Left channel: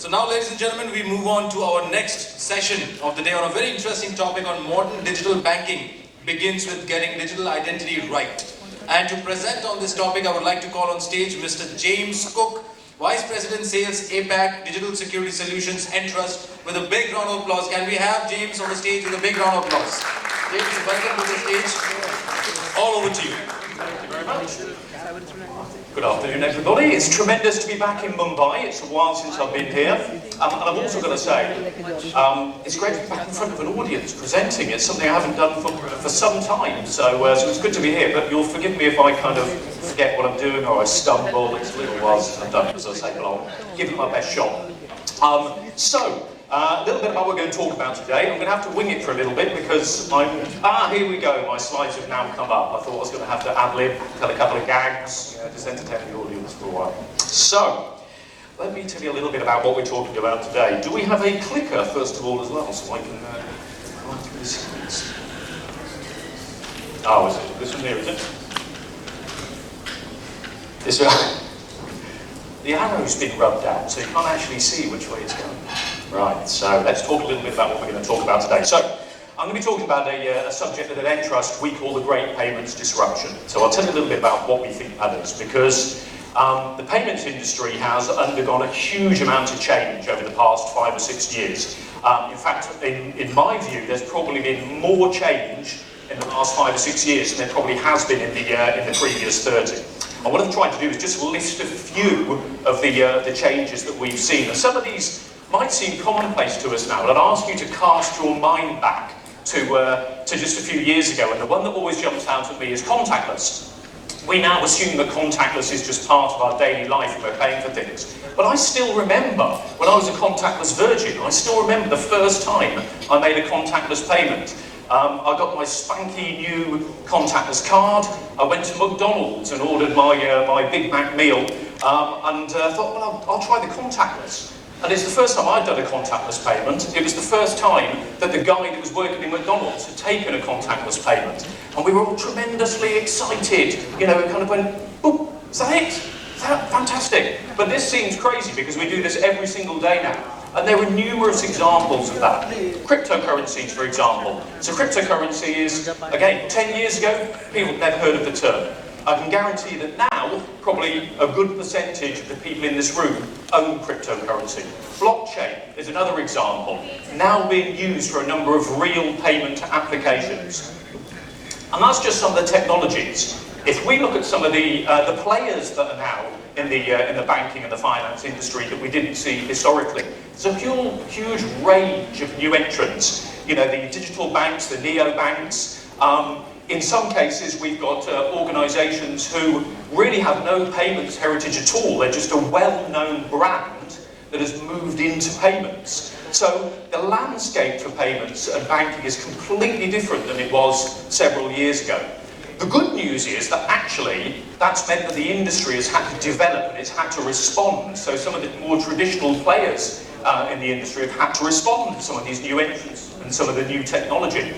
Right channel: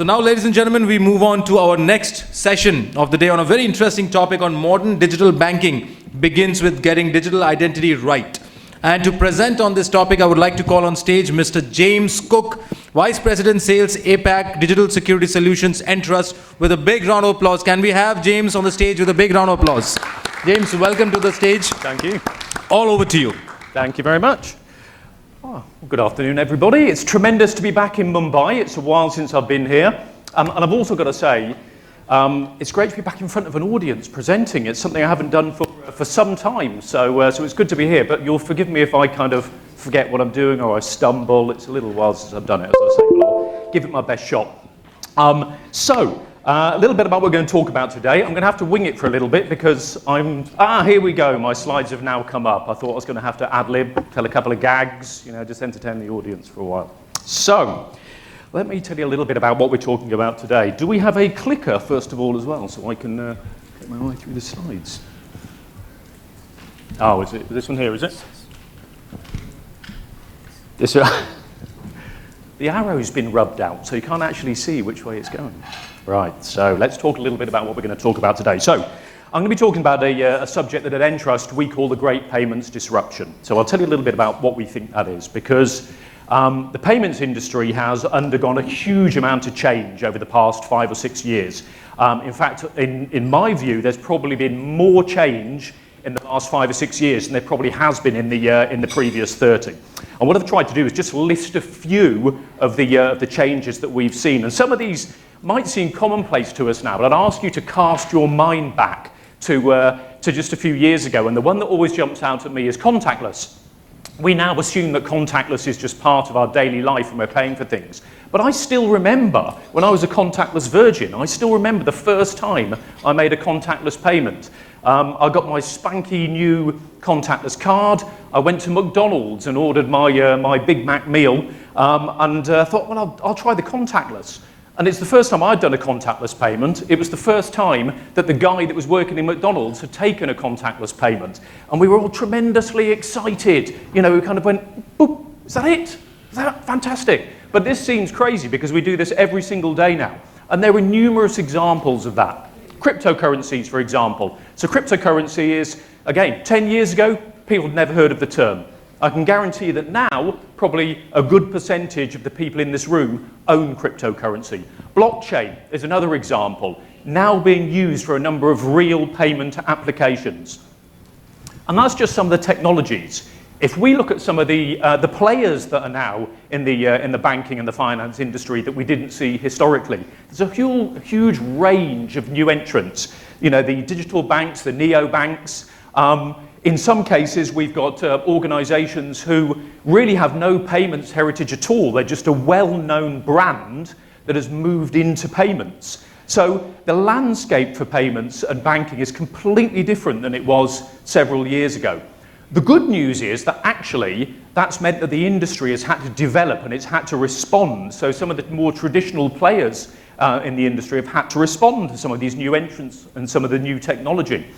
So now, ladies and gentlemen, we move on to our next session of the day on a very interesting topic on modern digital banking. Begins with getting digital identity right. And to present on this topic, I would like to call on stage Mr. James Cook, Vice President Sales, APAC, Digital Security Solutions, Entrust, with a big round of applause. Can we have James on the stage with a big round of applause? James, welcome to the stage. Thank you. All over to you. Thank you very much. Good afternoon, everybody. It's tremendous to be back in Mumbai. It's a while since I've been here. And I've also got to say, it's great to be back in front of an audience presenting. It's something I haven't done for some time. So it's good to be here. But you'll forgive me if I kind of forget what I'm doing or I stumble. It's a little while since I've done it. So I'll give it my best shot. A little bit about what we're going to talk about today. I'm going to have to wing it for a little bit because here we go. My slides have now come up. I thought I was going to have to ad-lib, tell a couple of gags, just entertain the audience for a while. So, let me tell you a little bit about what we're talking about today. Do we have a clicker, first of all, as well, so I can write through the slides? Oh, is it this one here, is it? This, the arrow's been rubbed out, so you can't actually see which way it's going. Right, so let's talk a little bit about what we're going to talk about today. So, I'm going to be talking about a subject that at Entrust we call the Great Payments Disruption. So I'll tell you a little bit about what we think that is, because the payments industry has undergone a huge amount of change over the past 5 or 6 years. In fact, in my view, there's probably been more change in the past 5 or 6 years than there probably has been in the previous 30. And what I've tried to do is just list a few of the changes that we've seen. And some of these might seem commonplace to us now, but I'd ask you to cast your mind back to just a few years ago. And the one that always jumps out at me is contactless. We now assume that contactless is just part of our daily life and we're paying for things. But I still remember when I was a contactless virgin, I still remember the first time I made a contactless payment. I got my spanky new contactless card. I went to McDonald's and ordered my Big Mac meal and thought, well, I'll try the contactless. And it's the first time I'd done a contactless payment. It was the first time that the guy that was working in McDonald's had taken a contactless payment. And we were all tremendously excited. We kind of went, oh, is that it? Fantastic. But this seems crazy because we do this every single day now. And there are numerous examples of that. Cryptocurrencies, for example. So cryptocurrency is, again, 10 years ago, people have never heard of the term. I can guarantee that now, probably a good percentage of the people in this room own cryptocurrency. Blockchain is another example, now being used for a number of real payment applications. And that's just some of the technologies. If we look at some of the players that are now in the banking and the finance industry that we didn't see historically, there's a huge range of new entrants. The digital banks, the neobanks. In some cases, we've got organisations who really have no payments heritage at all. They're just a well-known brand that has moved into payments. So the landscape for payments and banking is completely different than it was several years ago. The good news is that actually that's meant that the industry has had to develop and it's had to respond. So some of the more traditional players in the industry have had to respond to some of these new entrants and some of the new technology.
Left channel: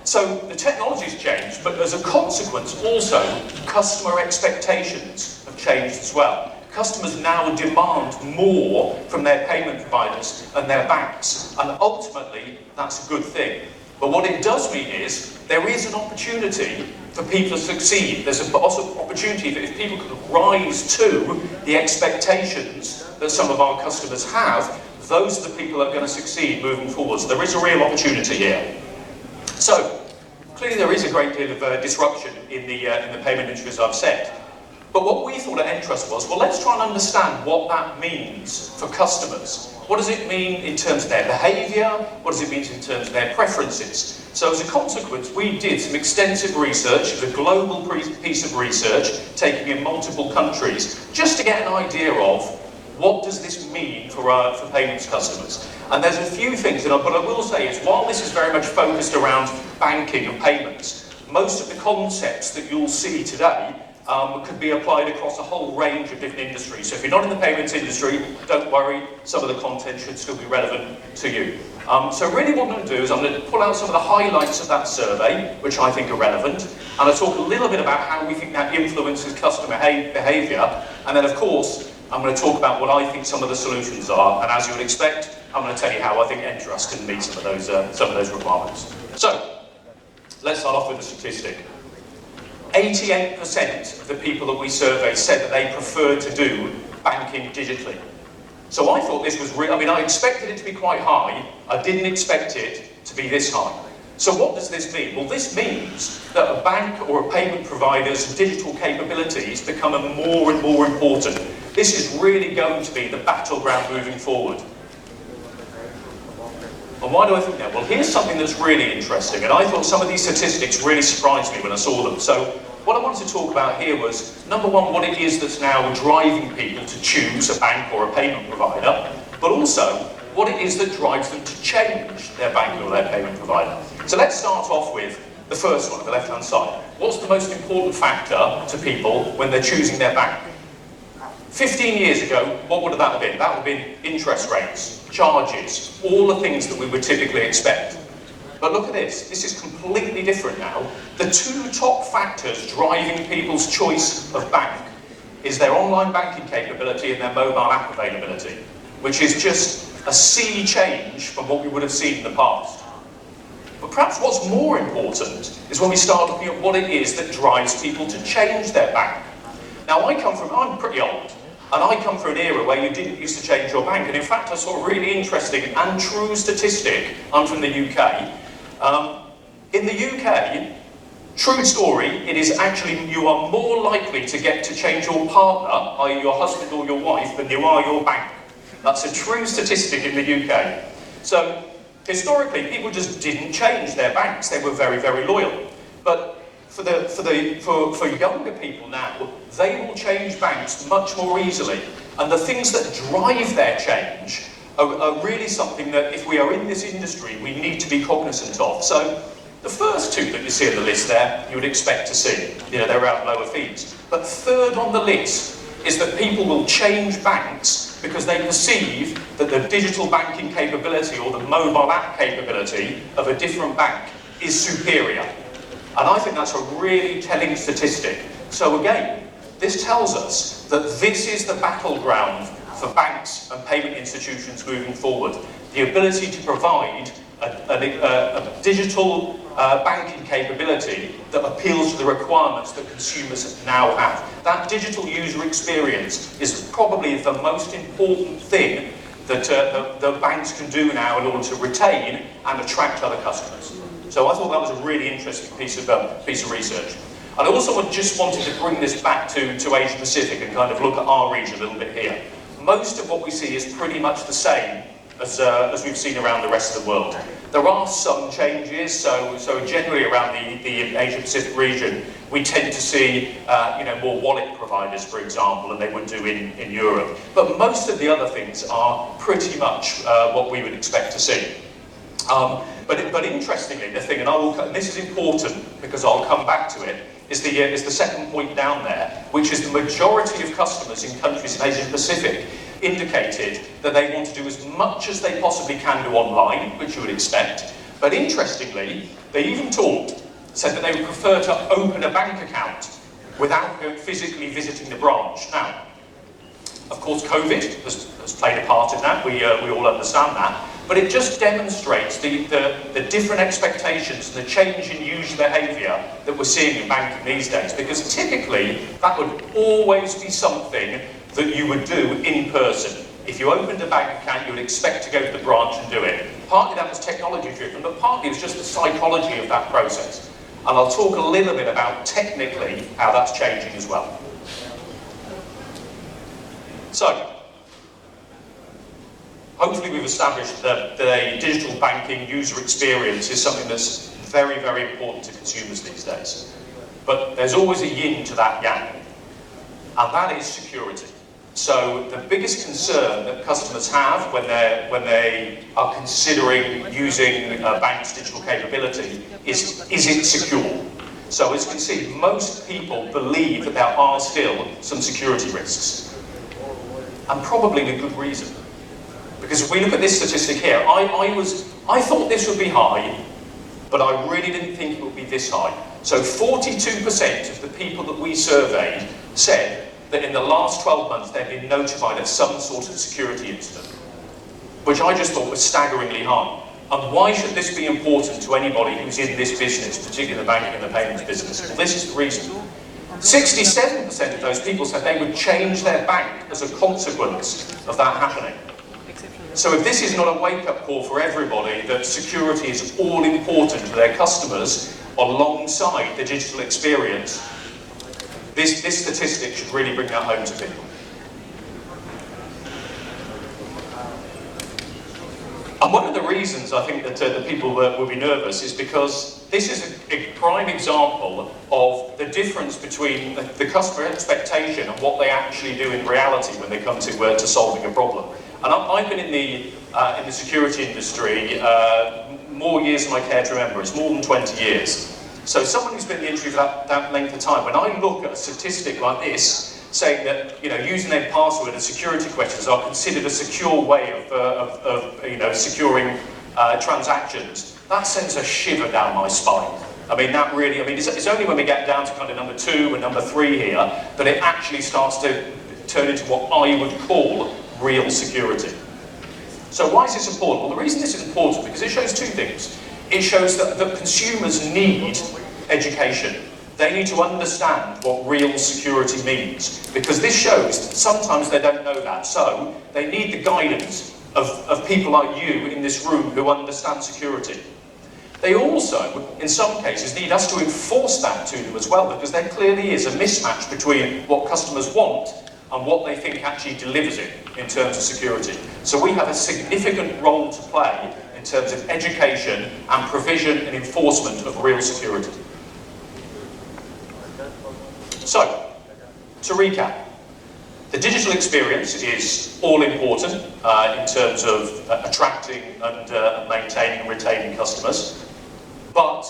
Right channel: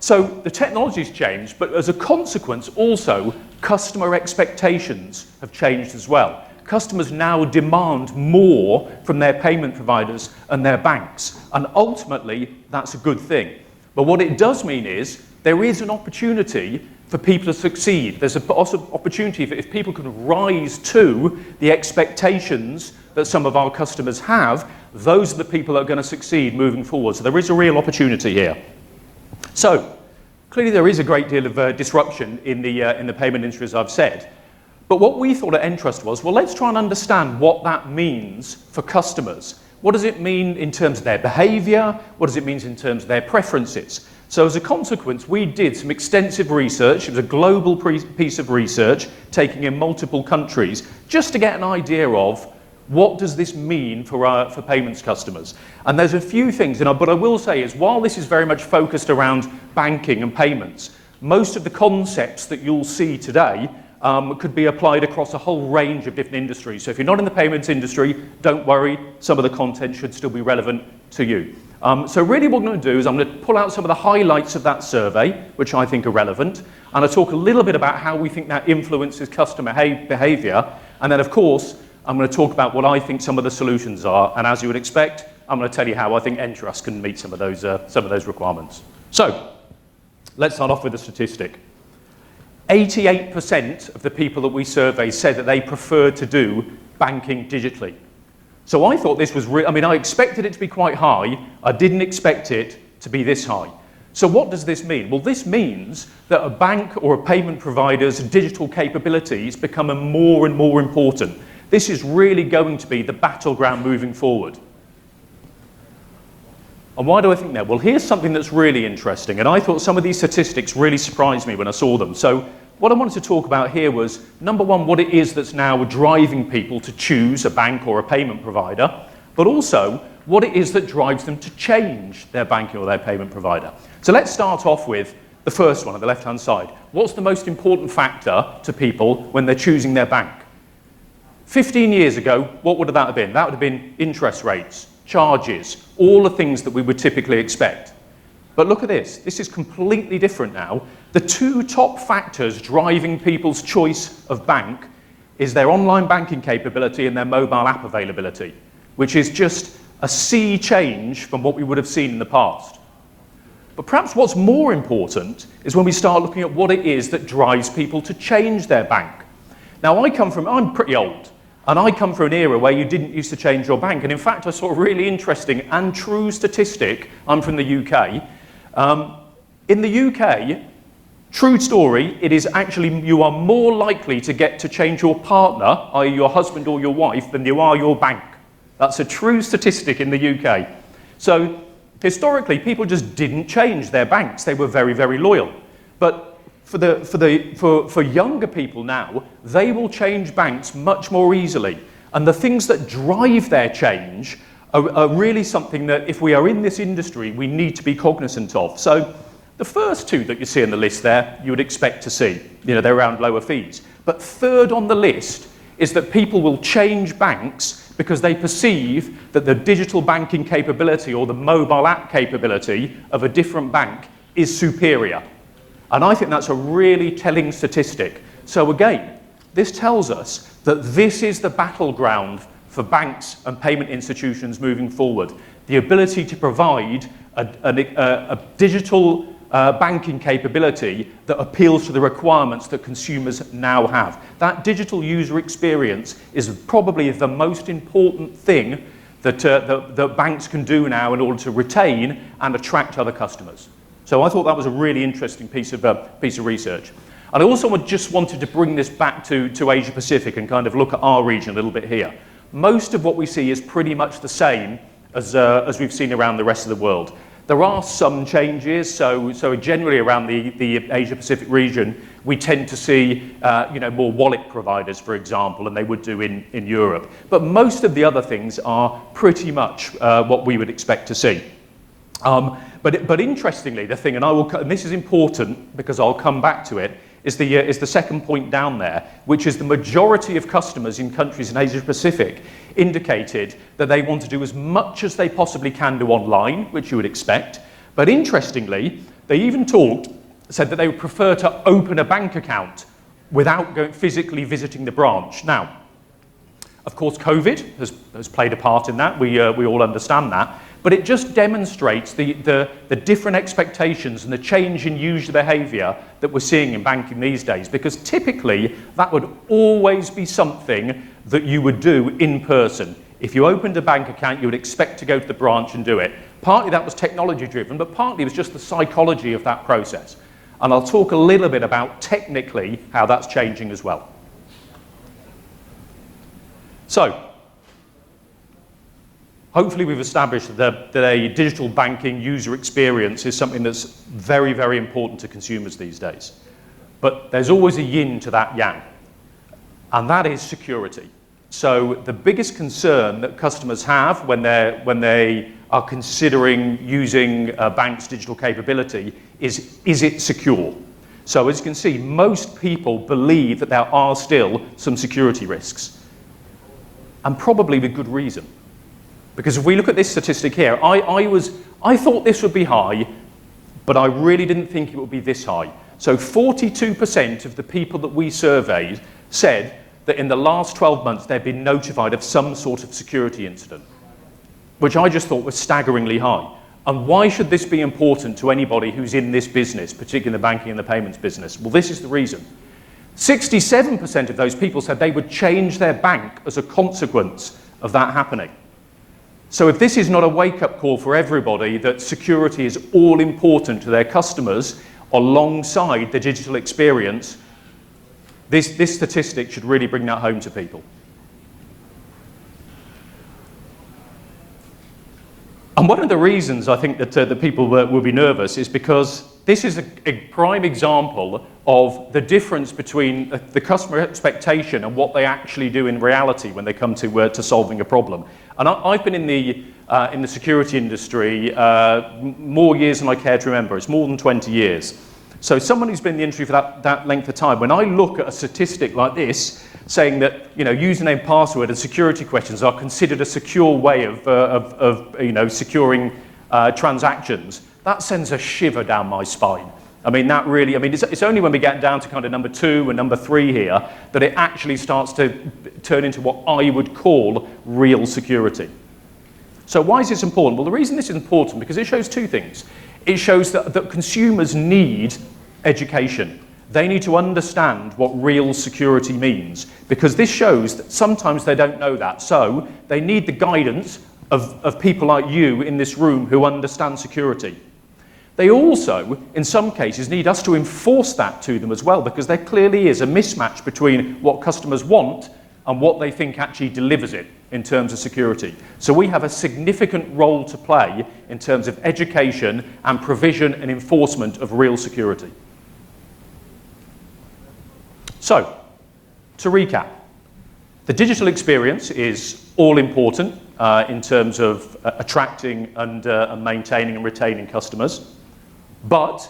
So the technology's changed, but as a consequence also, customer expectations have changed as well. Customers now demand more from their payment providers and their banks, and ultimately that's a good thing. But what it does mean is there is an opportunity for people to succeed. There's an opportunity that if people could rise to the expectations that some of our customers have, those are the people that are going to succeed moving forward. So there is a real opportunity here. So, clearly there is a great deal of disruption in the payment industry, as I've said. But what we thought at Entrust was, well, let's try and understand what that means for customers. What does it mean in terms of their behaviour? What does it mean in terms of their preferences? So as a consequence, we did some extensive research. It's a global piece of research, taking in multiple countries, just to get an idea of what does this mean for payments customers. And there's a few things, but I will say is while this is very much focused around banking and payments, most of the concepts that you'll see today could be applied across a whole range of different industries. So if you're not in the payments industry, don't worry, some of the content should still be relevant to you. So really what I'm going to do is I'm going to pull out some of the highlights of that survey, which I think are relevant, and I'll talk a little bit about how we think that influences customer behaviour, and then of course, I'm going to talk about what I think some of the solutions are, and as you would expect, I'm going to tell you how I think Entrust can meet some of those requirements. So, let's start off with a statistic. 88% of the people that we surveyed said that they prefer to do banking digitally. So I thought this was I expected it to be quite high. I didn't expect it to be this high. So what does this mean? Well, this means that a bank or a payment provider's digital capabilities become more and more important. This is really going to be the battleground moving forward. And why do I think that? Well, here's something that's really interesting, and I thought some of these statistics really surprised me when I saw them. So what I wanted to talk about here was, number one, what it is that's now driving people to choose a bank or a payment provider, but also what it is that drives them to change their bank or their payment provider. So let's start off with the first one on the left-hand side. What's the most important factor to people when they're choosing their bank? 15 years ago, what would that have been? That would have been interest rates, charges, all the things that we would typically expect. But look at this. This is completely different now. The two top factors driving people's choice of bank is their online banking capability and their mobile app availability, which is just a sea change from what we would have seen in the past. But perhaps what's more important is when we start looking at what it is that drives people to change their bank. Now, I'm pretty old, and I come from an era where you didn't used to change your bank. And in fact, I saw a really interesting and true statistic. I'm from the UK. In the UK, true story, it is actually you are more likely to get to change your partner, i.e. your husband or your wife, than you are your bank. That's a true statistic in the UK. So historically, people just didn't change their banks. They were very, very loyal. But for younger people now, they will change banks much more easily. And the things that drive their change are really something that, if we are in this industry, we need to be cognizant of. So the first two that you see on the list there, you would expect to see. They're around lower fees. But third on the list is that people will change banks because they perceive that the digital banking capability or the mobile app capability of a different bank is superior. And I think that's a really telling statistic. So again, this tells us that this is the battleground for banks and payment institutions moving forward. The ability to provide a digital banking capability that appeals to the requirements that consumers now have. That digital user experience is probably the most important thing that the banks can do now in order to retain and attract other customers. So I thought that was a really interesting piece of research. And I also just wanted to bring this back to Asia Pacific and kind of look at our region a little bit here. Most of what we see is pretty much the same as we've seen around the rest of the world. There are some changes, so generally around the Asia Pacific region, we tend to see more wallet providers, for example, than they would do in Europe. But most of the other things are pretty much what we would expect to see. But interestingly, the thing, and this is important because I'll come back to it, is the second point down there, which is the majority of customers in countries in Asia Pacific indicated that they want to do as much as they possibly can do online, which you would expect. But interestingly, they even said that they would prefer to open a bank account without physically visiting the branch. Now, of course, COVID has played a part in that. We all understand that. But it just demonstrates the different expectations and the change in user behaviour that we're seeing in banking these days. Because typically, that would always be something that you would do in person. If you opened a bank account, you would expect to go to the branch and do it. Partly that was technology driven, but partly it was just the psychology of that process. And I'll talk a little bit about technically how that's changing as well. So, hopefully we've established that a digital banking user experience is something that's very, very important to consumers these days. But there's always a yin to that yang, and that is security. So the biggest concern that customers have when they are considering using a bank's digital capability is it secure? So as you can see, most people believe that there are still some security risks, and probably with good reason. Because if we look at this statistic here, I thought this would be high, but I really didn't think it would be this high. So 42% of the people that we surveyed said that in the last 12 months they've been notified of some sort of security incident, which I just thought was staggeringly high. And why should this be important to anybody who's in this business, particularly in the banking and the payments business? Well, this is the reason. 67% of those people said they would change their bank as a consequence of that happening. So if this is not a wake-up call for everybody that security is all important to their customers alongside the digital experience, this statistic should really bring that home to people. And one of the reasons I think that the people will be nervous is because this is a prime example of the difference between the customer expectation and what they actually do in reality when they come to solving a problem. And I've been in the security industry more years than I care to remember. It's more than 20 years. So someone who's been in the industry for that length of time, when I look at a statistic like this, saying that username, password, and security questions are considered a secure way of securing transactions, that sends a shiver down my spine. It's only when we get down to kind of number 2 and number 3 here that it actually starts to turn into what I would call real security. So why is this important? Well, the reason this is important is because it shows 2 things. It shows that consumers need education. They need to understand what real security means, because this shows sometimes they don't know that. So they need the guidance of people like you in this room who understand security. They also, in some cases, need us to enforce that to them as well, because there clearly is a mismatch between what customers want and what they think actually delivers it in terms of security. So we have a significant role to play in terms of education and provision and enforcement of real security. So, to recap, the digital experience is all important in terms of attracting and maintaining and retaining customers. But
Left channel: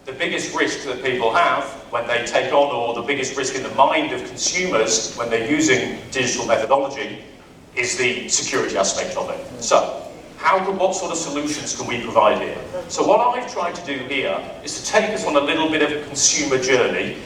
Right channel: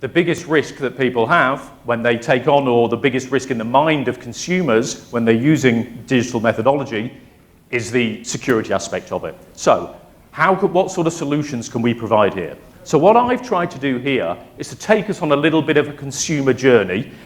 the biggest risk that people have when they take on, or the biggest risk in the mind of consumers when they're using digital methodology, is the security aspect of it. So, what sort of solutions can we provide here? So what I've tried to do here is to take us on a little bit of a consumer journey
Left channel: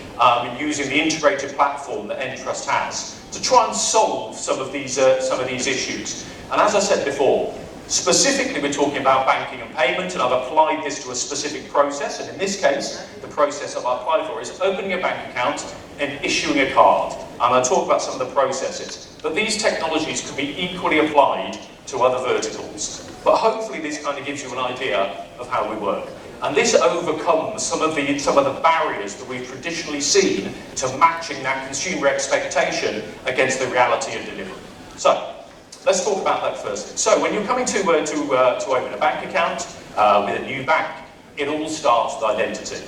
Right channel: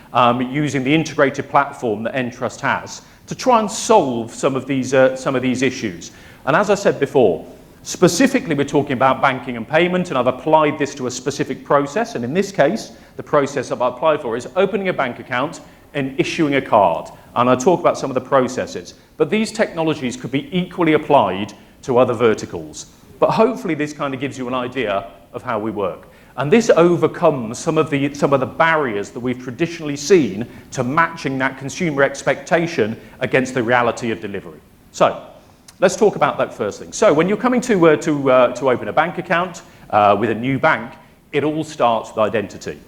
using the integrated platform that Entrust has to try and solve some of these issues. And as I said before, specifically we're talking about banking and payment, and I've applied this to a specific process, and in this case, the process that I've applied for is opening a bank account and issuing a card. And I'll talk about some of the processes. But these technologies could be equally applied to other verticals. But hopefully this kind of gives you an idea of how we work. And this overcomes some of the barriers that we've traditionally seen to matching that consumer expectation against the reality of delivery. So, let's talk about that first thing. So, when you're coming to open a bank account with a new bank, it all starts with identity.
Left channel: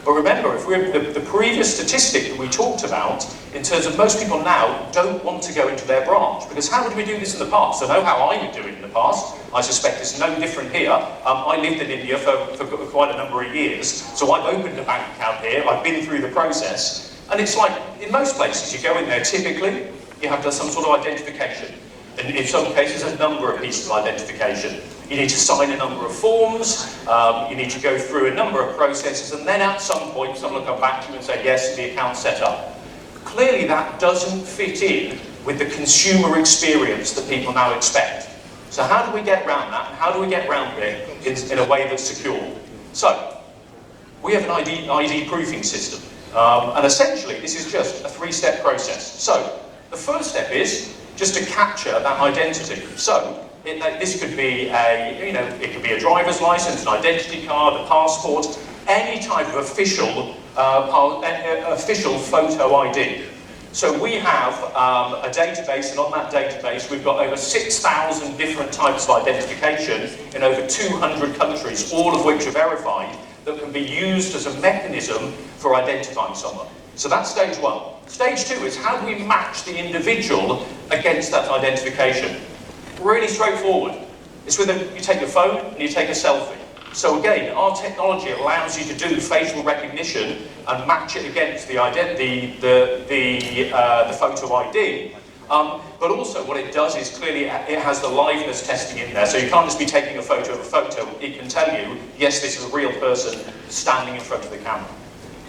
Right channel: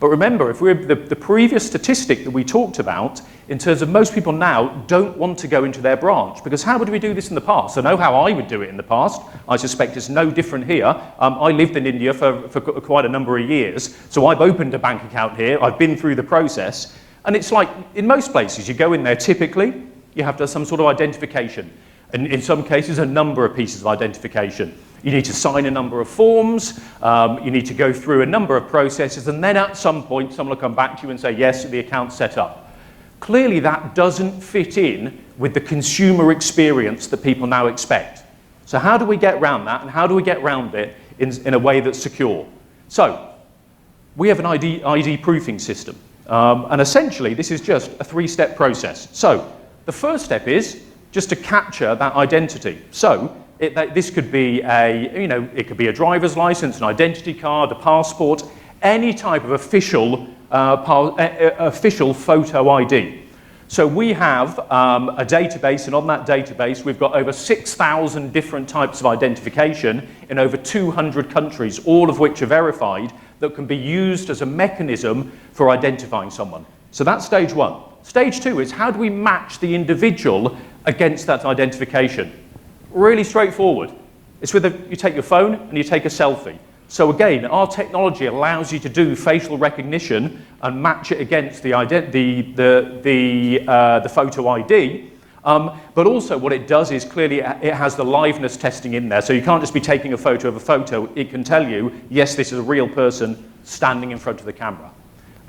But remember, if we're the previous statistic that we talked about, in terms of most people now don't want to go into their branch, because how did we do this in the past? I know how I would do it in the past. I suspect it's no different here. I lived in India for quite a number of years, so I've opened a bank account here. I've been through the process, and it's like in most places, you go in there. Typically, you have some sort of identification, and in some cases, a number of pieces of identification. You need to sign a number of forms, you need to go through a number of processes, and then at some point someone will come back to you and say, yes, the account's set up. Clearly that doesn't fit in with the consumer experience that people now expect. So how do we get around that, and how do we get around it in a way that's secure? So, we have an ID proofing system, and essentially this is just a 3-step process. So, the first step is just to capture that identity. So, this could be it could be a driver's license, an identity card, a passport, any type of official photo ID. So we have a database, and on that database we've got over 6,000 different types of identification in over 200 countries, all of which are verified, that can be used as a mechanism for identifying someone. So that's stage 1. Stage 2 is how do we match the individual against that identification? Really straightforward. It's with you take your phone and you take a selfie. So again, our technology allows you to do facial recognition and match it against the photo ID. But also what it does is clearly it has the liveness testing in there. So you can't just be taking a photo of a photo. It can tell you, yes, this is a real person standing in front of the camera.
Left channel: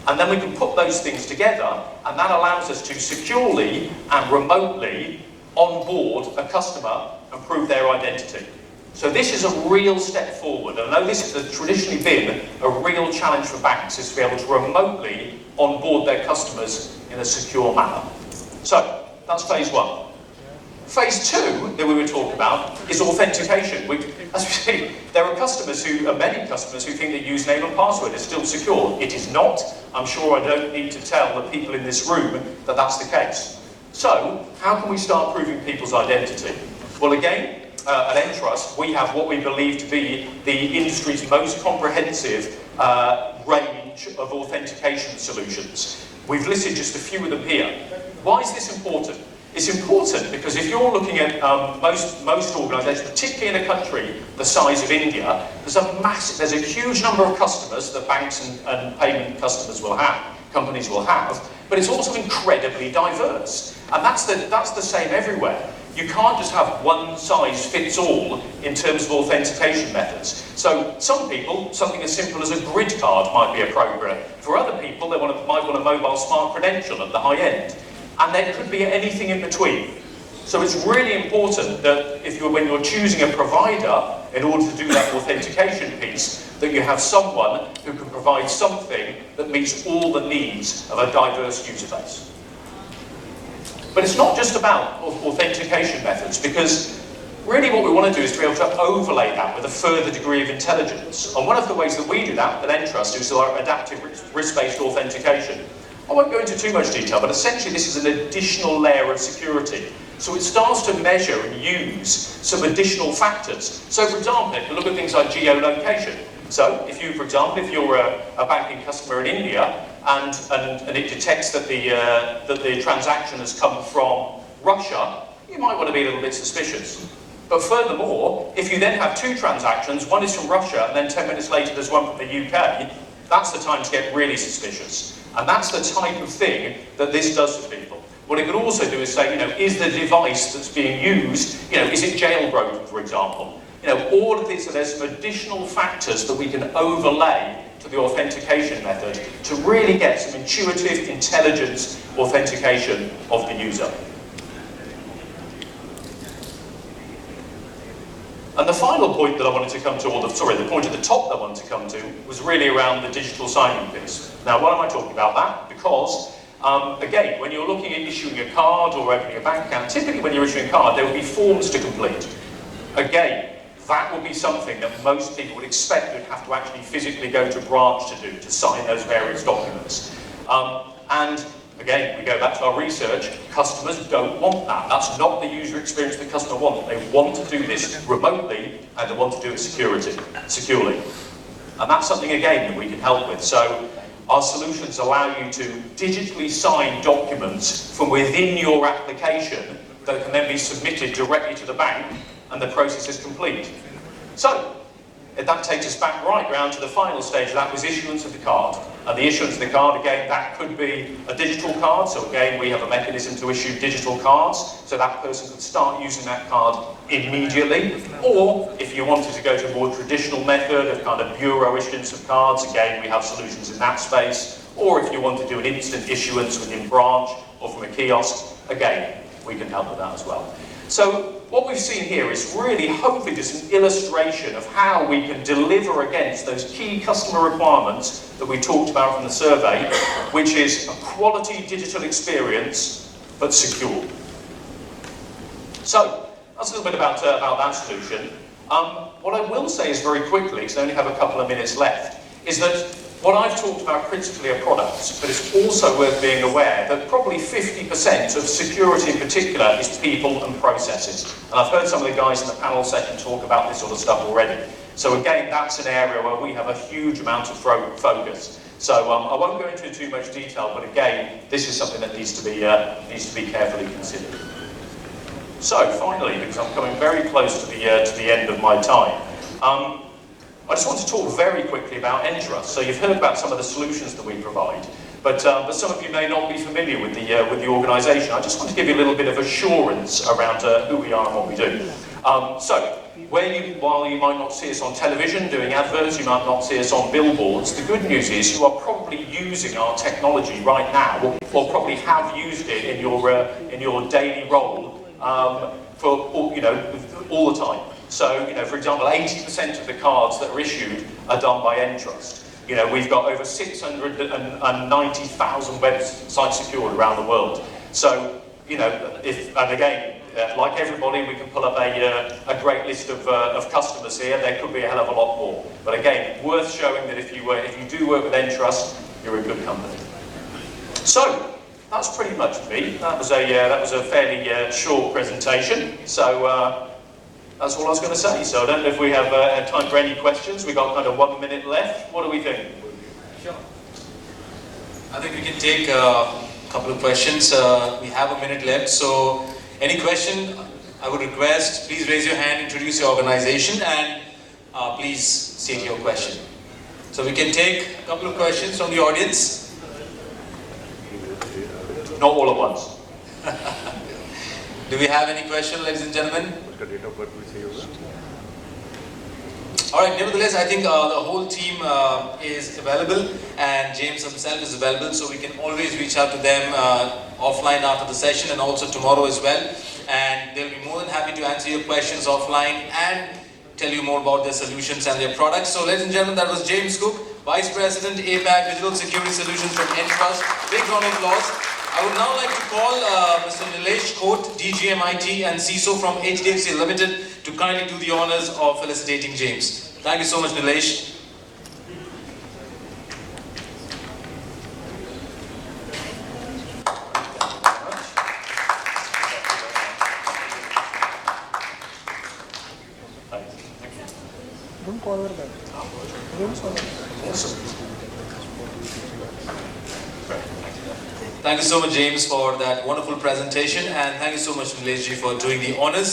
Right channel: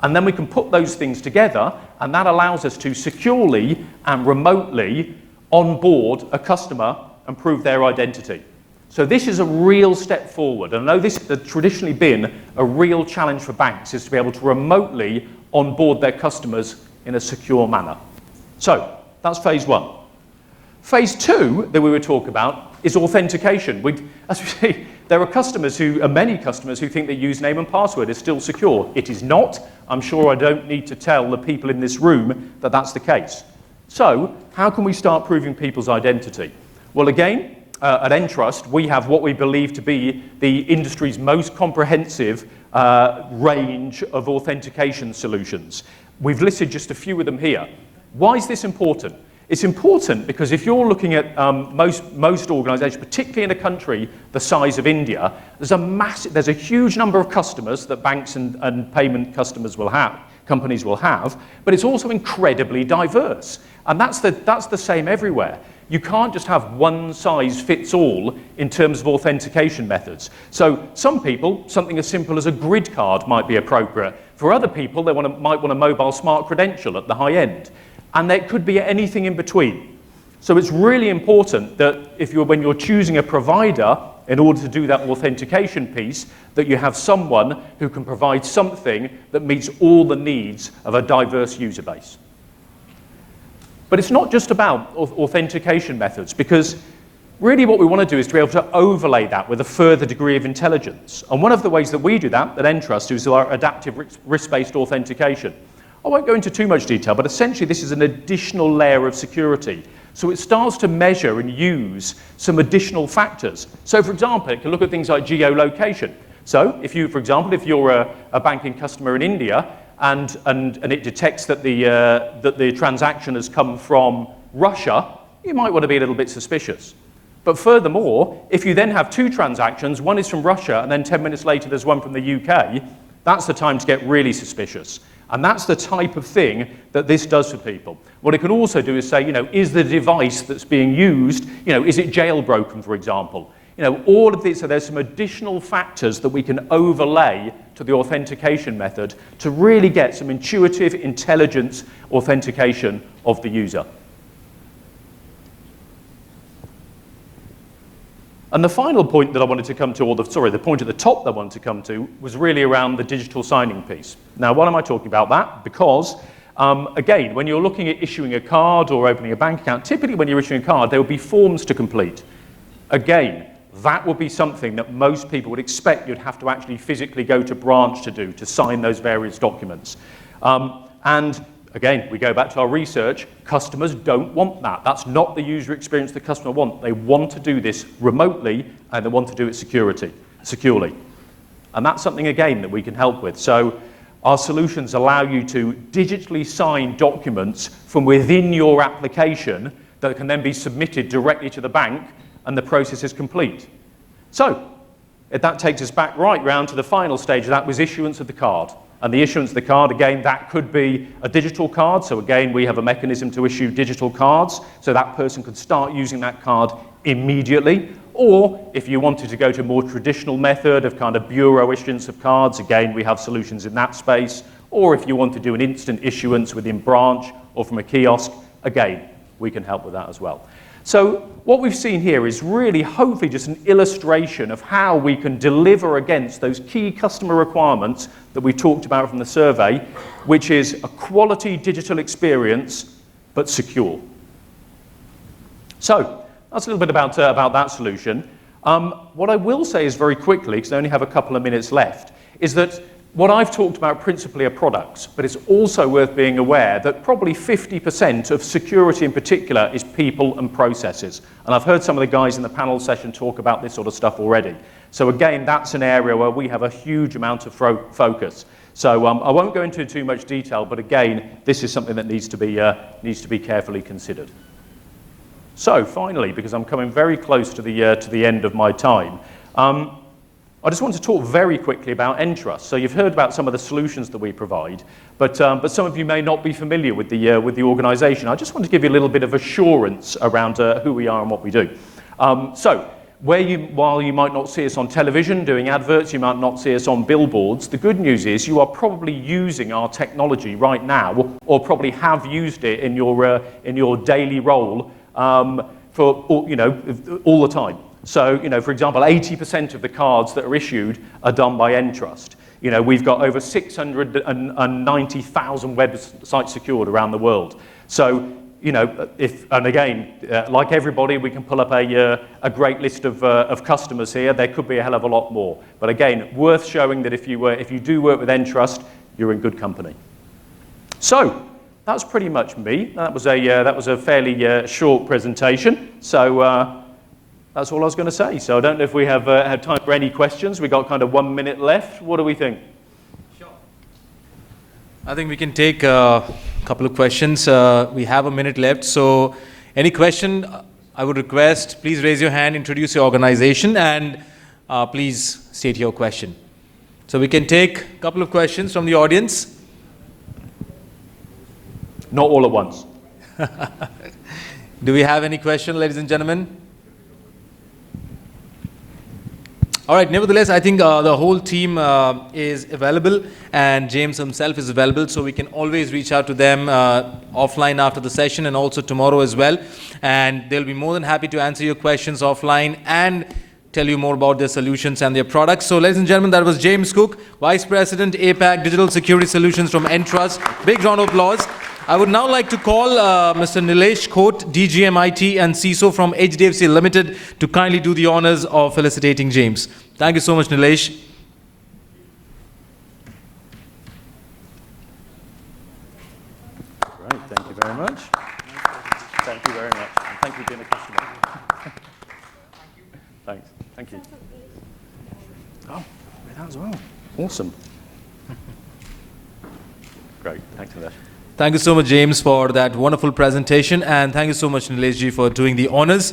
And then we can put those things together, and that allows us to securely and remotely onboard a customer and prove their identity. So this is a real step forward. I know this has traditionally been a real challenge for banks, is to be able to remotely onboard their customers in a secure manner. So that's phase one. Phase two that we were talking about is authentication. As you see, there are many customers who think that username and password is still secure. It is not. I'm sure I don't need to tell the people in this room that that's the case. So how can we start proving people's identity? Well, again, at Entrust, we have what we believe to be the industry's most comprehensive range of authentication solutions. We've listed just a few of them here. Why is this important? It's important because if you're looking at most organisations, particularly in a country the size of India, there's a huge number of customers that banks and payment companies will have, but it's also incredibly diverse. And that's the same everywhere. You can't just have one size fits all in terms of authentication methods. So some people, something as simple as a grid card might be appropriate. For other people, they might want a mobile smart credential at the high end. And there could be anything in between. So it's really important that when you're choosing a provider, in order to do that authentication piece, that you have someone who can provide something that meets all the needs of a diverse user base. But it's not just about authentication methods, because really what we want to do is to be able to overlay that with a further degree of intelligence. And one of the ways that we do that at Entrust is our adaptive risk-based authentication. I won't go into too much detail, but essentially this is an additional layer of security. So it starts to measure and use some additional factors. So for example, it can look at things like geolocation. So if you're a banking customer in India and it detects that the transaction has come from Russia, you might want to be a little bit suspicious. But furthermore, if you then have two transactions, one is from Russia and then 10 minutes later there's one from the UK, that's the time to get really suspicious. And that's the type of thing that this does to people. What it can also do is say, is the device that's being used, is it jailbroken, for example? All of these, so there's some additional factors that we can overlay to the authentication method to really get some intuitive, intelligence authentication of the user. And the final point that I wanted to come to, the point at the top that I wanted to come to, was really around the digital signing piece. Now, why am I talking about that? Because, again, when you're looking at issuing a card or opening a bank account, typically when you're issuing a card, there will be forms to complete. Again, that would be something that most people would expect you'd have to actually physically go to branch to sign those various documents. And again, we go back to our research, customers don't want that. That's not the user experience the customer wants. They want to do this remotely and they want to do it securely. And that's something, again, that we can help with. So our solutions allow you to digitally sign documents from within your application that can then be submitted directly to the bank and the process is complete. So that takes us back right round to the final stage, that was issuance of the card. And the issuance of the card, again, that could be a digital card. So again, we have a mechanism to issue digital cards, so that person could start using that card immediately. Or if you wanted to go to a more traditional method of kind of bureau issuance of cards, again, we have solutions in that space. Or if you want to do an instant issuance within branch or from a kiosk, again, we can help with that as well. So what we've seen here is really hopefully just an illustration of how we can deliver against those key customer requirements that we talked about from the survey, which is a quality digital experience, but secure. So that's a little bit about that solution. What I will say is very quickly, because I only have a couple of minutes left, is that what I've talked about principally are products, but it's also worth being aware that probably 50% of security in particular is people and processes. And I've heard some of the guys in the panel session talk about this sort of stuff already. So again, that's an area where we have a huge amount of focus. So I won't go into too much detail, but again, this is something that needs to be carefully considered. So finally, because I'm coming very close to the end of my time, I just want to talk very quickly about Entrust. So you've heard about some of the solutions that we provide, but some of you may not be familiar with the organisation. I just want to give you a little bit of assurance around who we are and what we do. So while you might not see us on television doing adverts, you might not see us on billboards, the good news is you are probably using our technology right now, or probably have used it in your daily role for all the time. So, for example, 80% of the cards that are issued are done by Entrust. We've got over 690,000 websites secured around the world. So, and again, like everybody, we can pull up a great list of customers here. There could be a hell of a lot more. But again, worth showing that if you do work with Entrust, you're in good company. So that's pretty much me. That was a fairly short presentation. So that's all I was going to say. So I don't know if we have time for any questions. We got kind of 1 minute left. What do we think? I think we can take a couple of questions. We have a minute left. So any question, I would request, please raise your hand, introduce your organization, and please state your question. So we can take a couple of questions from the audience. Not all at once. Do we have any questions, ladies and gentlemen? All right, nevertheless, I think the whole team is available, and James himself is available, so we can always reach out to them offline after the session and also tomorrow as well. And they'll be more than happy to answer your questions offline and tell you more about their solutions and their products. So ladies and gentlemen, that was James Cook, Vice President, APAC Digital Security Solutions from Entrust. Big round of applause. I would now like to call Mr. Nilesh Khote, DGMIT and CISO from HDFC Limited to kindly do the honors of felicitating James. Thank you so much, Nilesh. Thank you very much. Thank you very much. Thank you. Awesome. Thank you so much, James, for that wonderful presentation, and thank you so much, Nilesh ji, for doing the honors.